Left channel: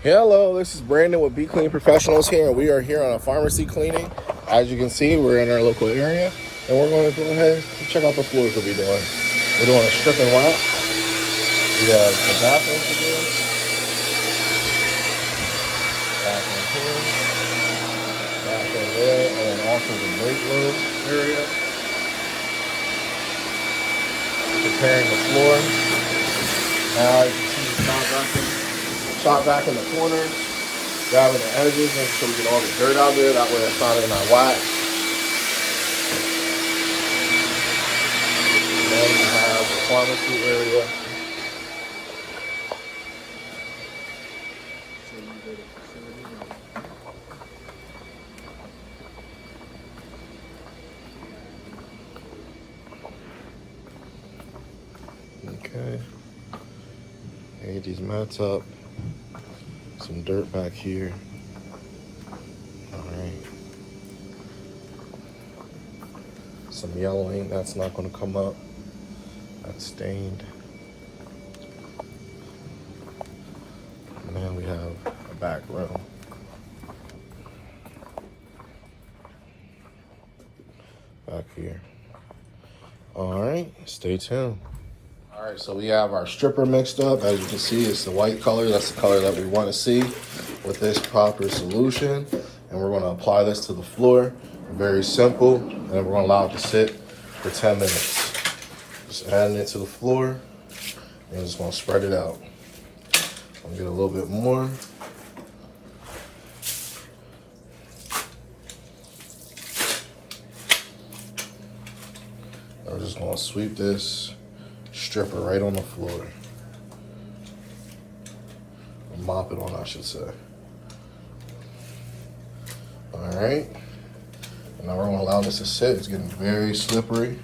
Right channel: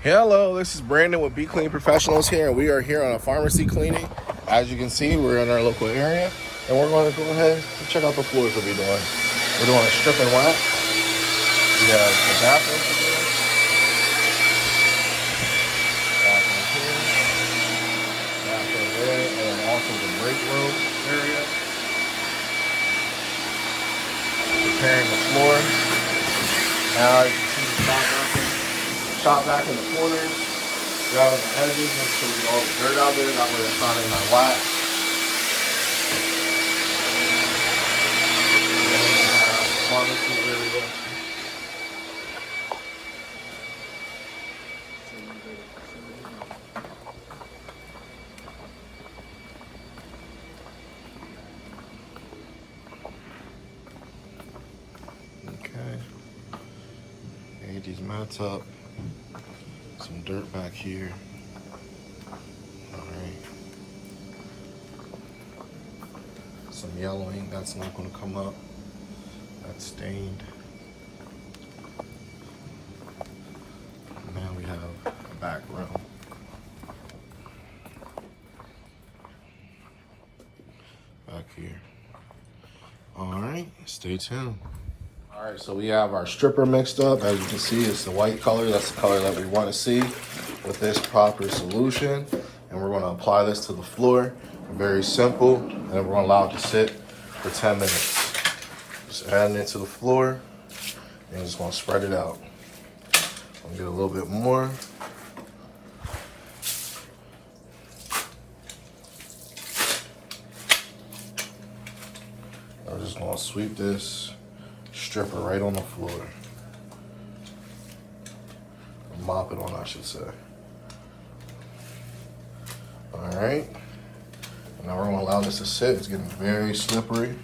Hello, this is Brandon with Be Clean Professionals here, and we are here on a pharmacy cleaning. As you can see, we're in our local area, and we're going to go ahead and check out the floors that we're doing. We're doing a strip and wax. We have the bathroom to do. Bathroom here, bathroom there, and then also the break room area. Preparing the floor. Now as you can see the shot back in the corner, grabbing the edges, making sure we get all the dirt out there, that way it's not in my wax. And then we have the pharmacy area. Okay. Get these mats up. Some dirt back here. Alright. Some yellowing, that's not going to come up. That's stained. And then we have the back room. Back here. Alright, stay tuned. Alright, so we have our stripper mixed up. As you can see, it's the white color. That's the color that we want to see with this proper solution. And we're going to apply this to the floor. Very simple. And we're going to allow it to sit for 10 minutes. Just adding it to the floor. And just going to spread it out. I'll get a little bit more. I'm just going to sweep this stripper right on the floor. Mop it on, I should say. All right. And now we're gonna allow this to sit. It's getting very slippery.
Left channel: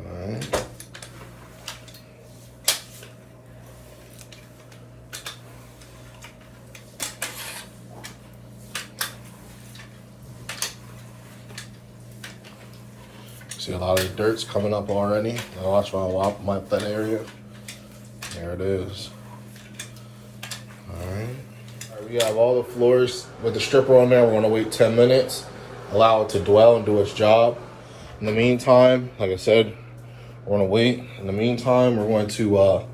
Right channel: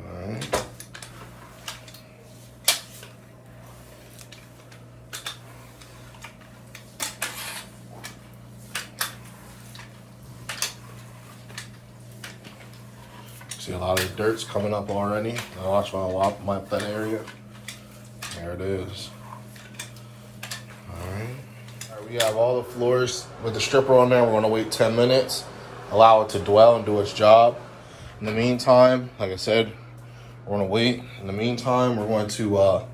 All right. See a lot of the dirt's coming up already. Now watch when I wipe that area. There it is. All right. We have all the floors with the stripper on there. We're gonna wait 10 minutes, allow it to dwell and do its job. In the meantime, like I said, we're gonna wait. In the meantime, we're going to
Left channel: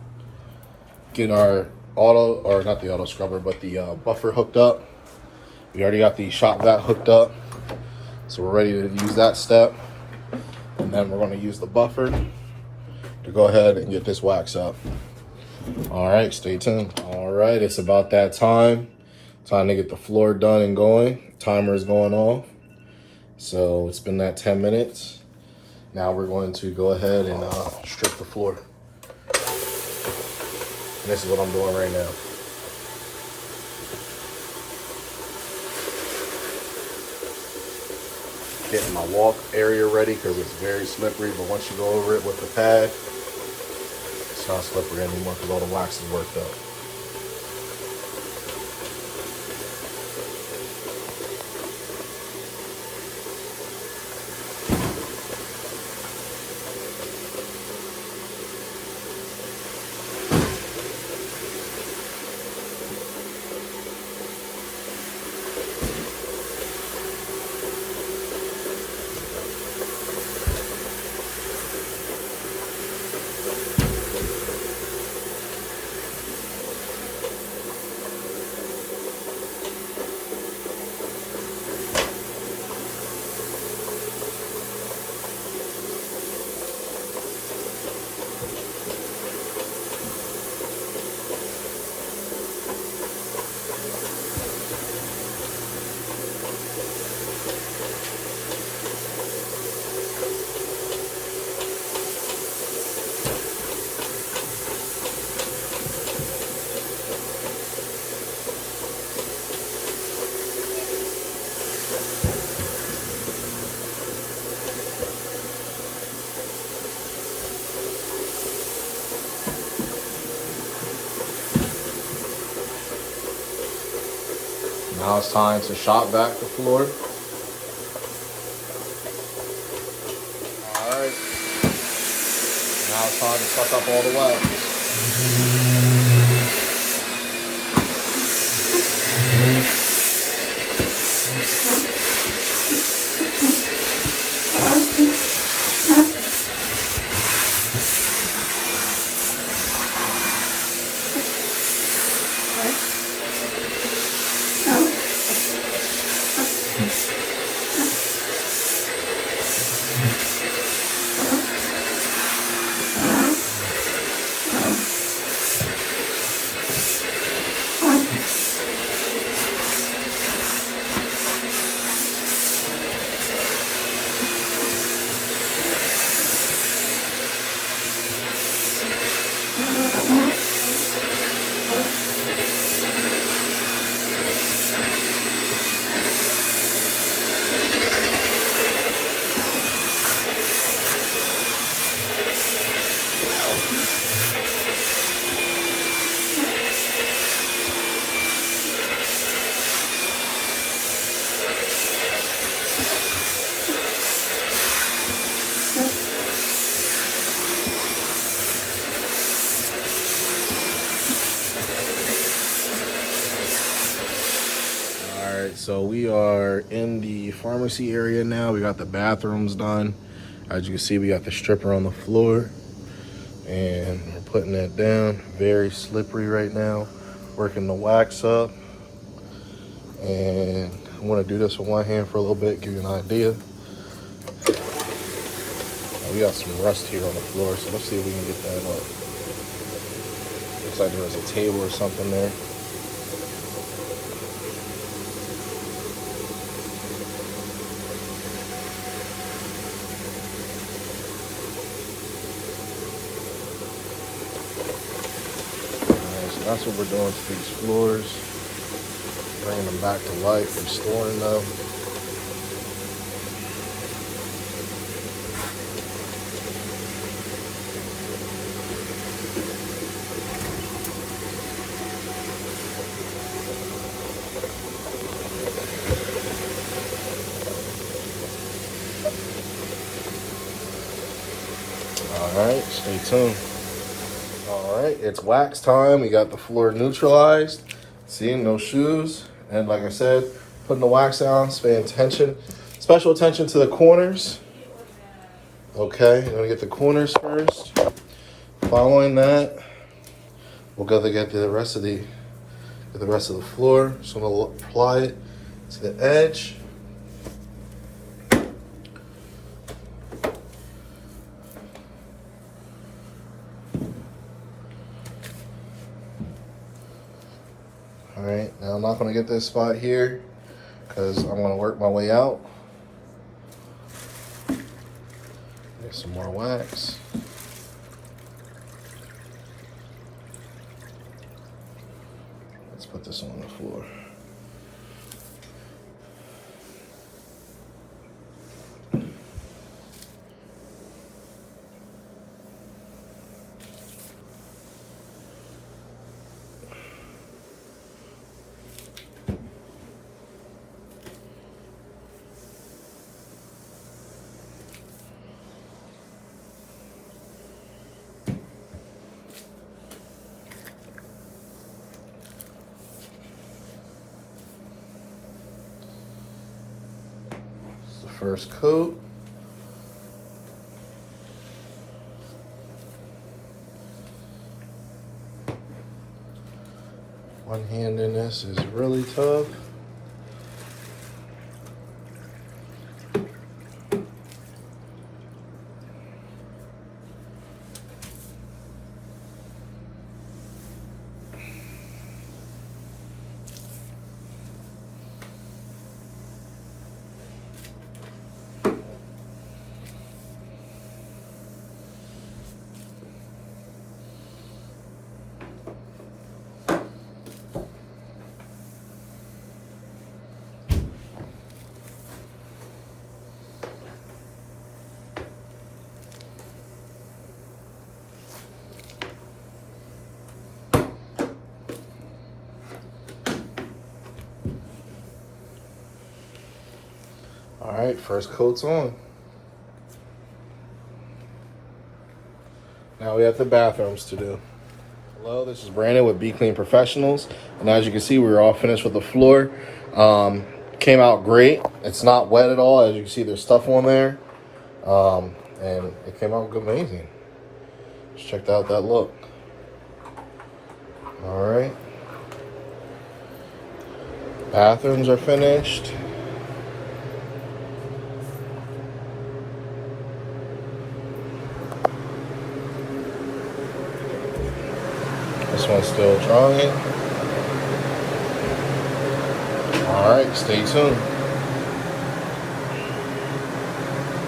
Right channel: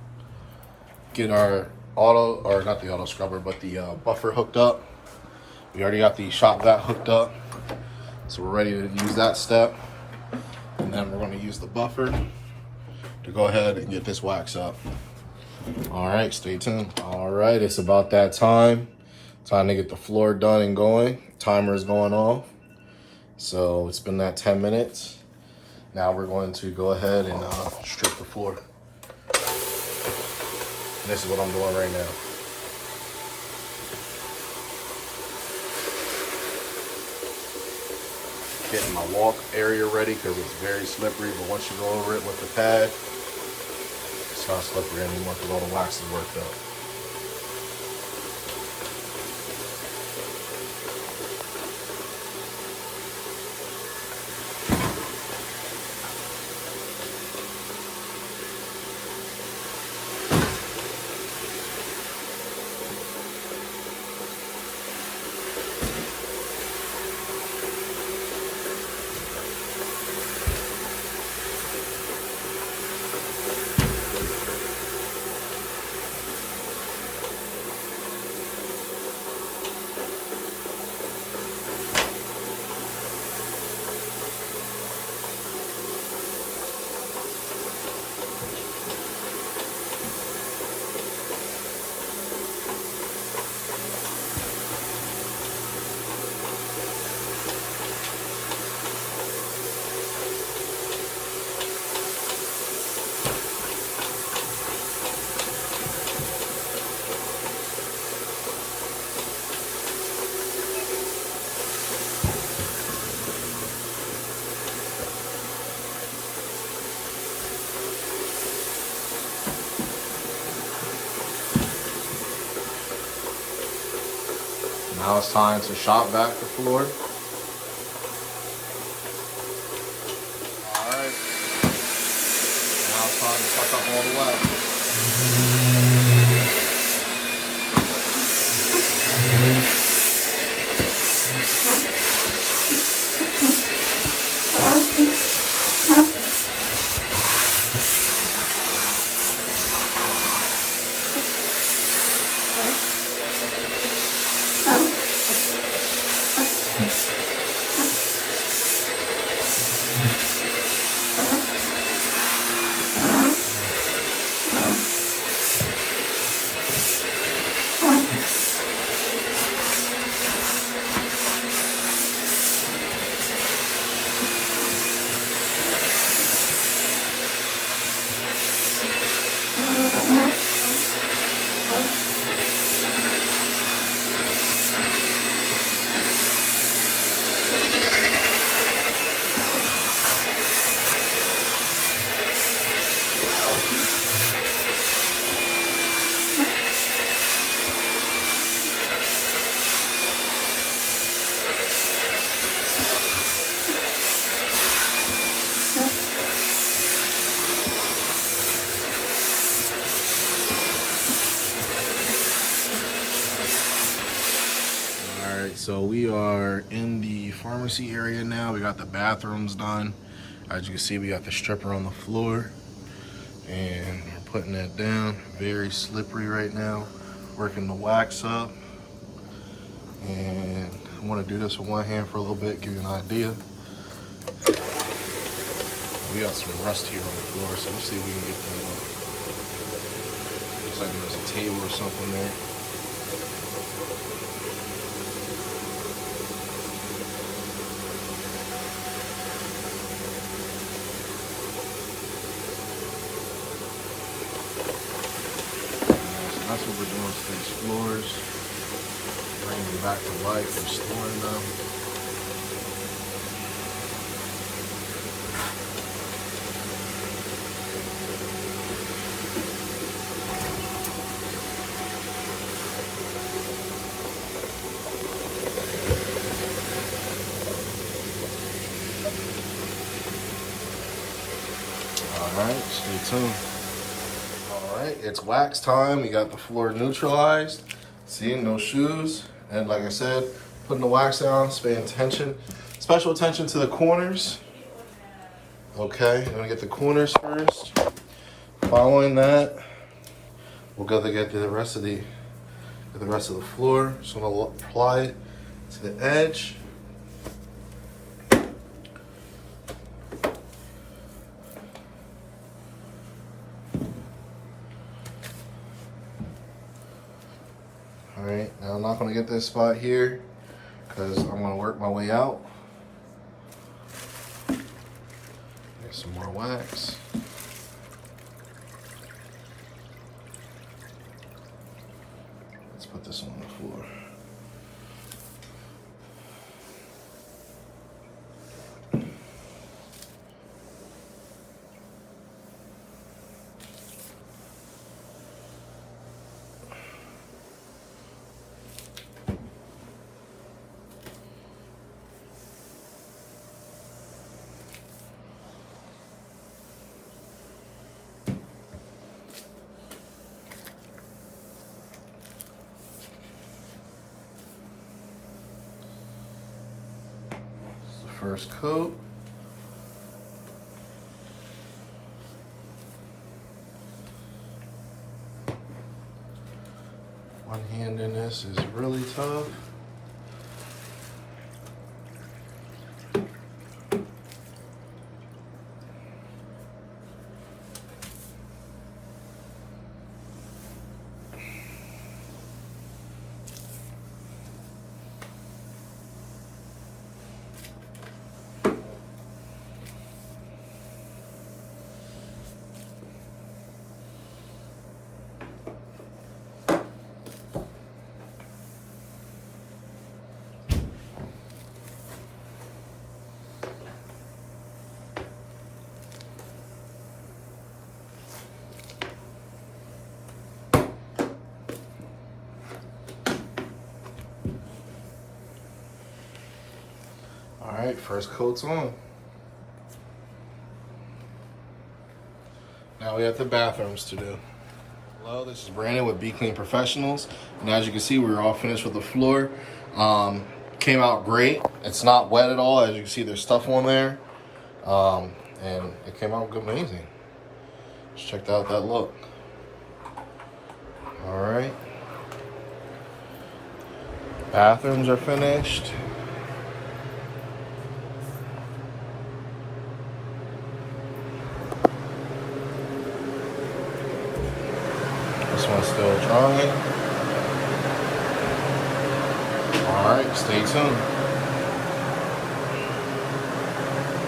get our not the auto scrubber, but the buffer hooked up. We already got the shop vac hooked up. So we're ready to use that step. And then we're going to use the buffer to go ahead and get this wax up. All right, stay tuned. All right, it's about that time. Time to get the floor done and going. Timer is going off. So it's been that 10 minutes. Now we're going to go ahead and strip the floor. And this is what I'm doing right now. Getting my walk area ready because it's very slippery, but once you go over it with the pad, it's not slippery anymore because all the wax is worked up. Now it's time to shop vac the floor. Now it's time to suck up all the wax. So we are in the pharmacy area now. We got the bathrooms done. As you can see, we got the stripper on the floor and we're putting that down. Very slippery right now. Working the wax up. And I'm gonna do this with one hand for a little bit, give you an idea. We got some rust here on the floor, so let's see if we can get that up. Looks like there's a table or something there. That's what we're doing to these floors, bringing them back to life, restoring them. All right, stay tuned. It's wax time. We got the floor neutralized. See, no shoes. And like I said, putting the wax down, paying attention. Special attention to the corners. Okay, I'm gonna get the corners first. Following that, we'll go to get the rest of the floor. So I'm gonna apply it to the edge. All right, now I'm not gonna get this spot here because I'm gonna work my way out. There's some more wax. Let's put this on the floor. First coat. One hand in this is really tough. All right, first coat's on. Now we have the bathrooms to do. Hello, this is Brandon with Be Clean Professionals, and as you can see, we're all finished with the floor. Came out great. It's not wet at all. As you can see, there's stuff on there, and it came out amazing. Just checked out that look. All right, bathrooms are finished. This one's still drying. All right, stay tuned.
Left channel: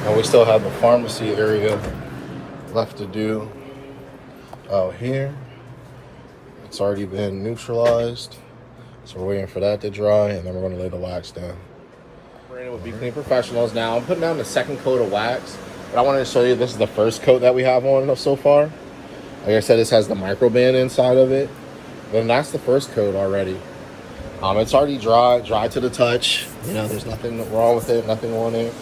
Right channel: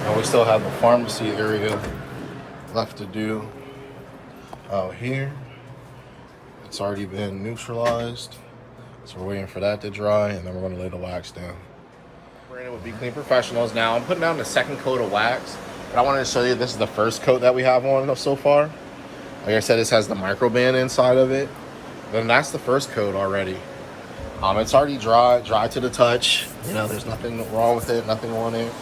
Now we still have the pharmacy area left to do out here. It's already been neutralized, so we're waiting for that to dry, and then we're going to lay the wax down. We're in with Be Clean Professionals now. I'm putting down the second coat of wax, but I wanted to show you this is the first coat that we have on so far. Like I said, this has the microband inside of it. Then that's the first coat already. It's already dry to the touch. You know, there's nothing wrong with it, nothing on it.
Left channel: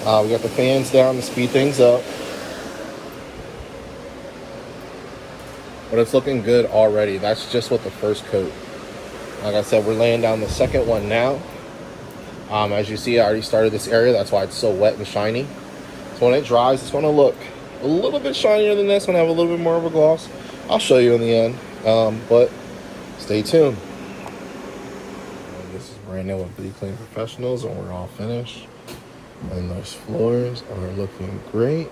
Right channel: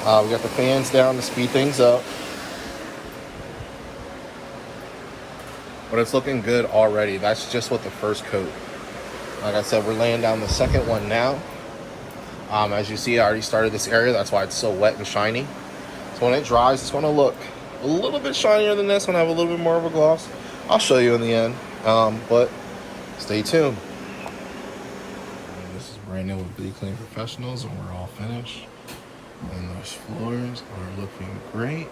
We got the fans down to speed things up. But it's looking good already. That's just with the first coat. Like I said, we're laying down the second one now. As you see, I already started this area. That's why it's so wet and shiny. So when it dries, it's going to look a little bit shinier than this one. Have a little bit more of a gloss. I'll show you in the end, but stay tuned. This is Brandon with Be Clean Professionals, and we're all finished. And those floors are looking great.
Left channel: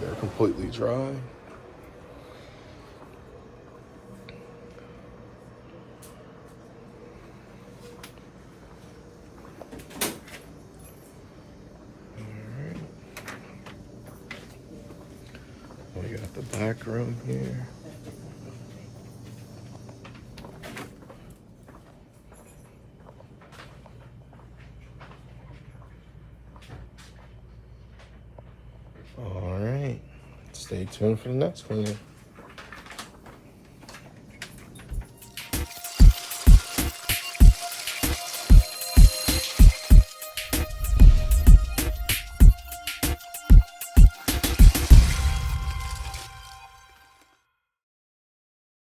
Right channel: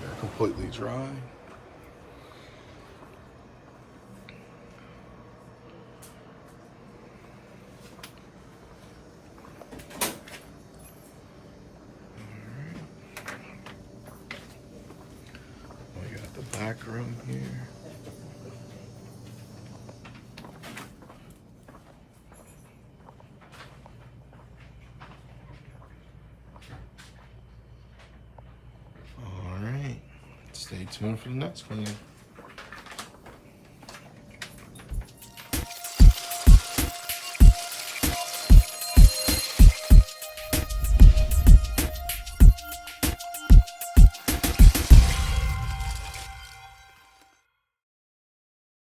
They're completely dry. We got the back room here. All right, stay tuned for the next one.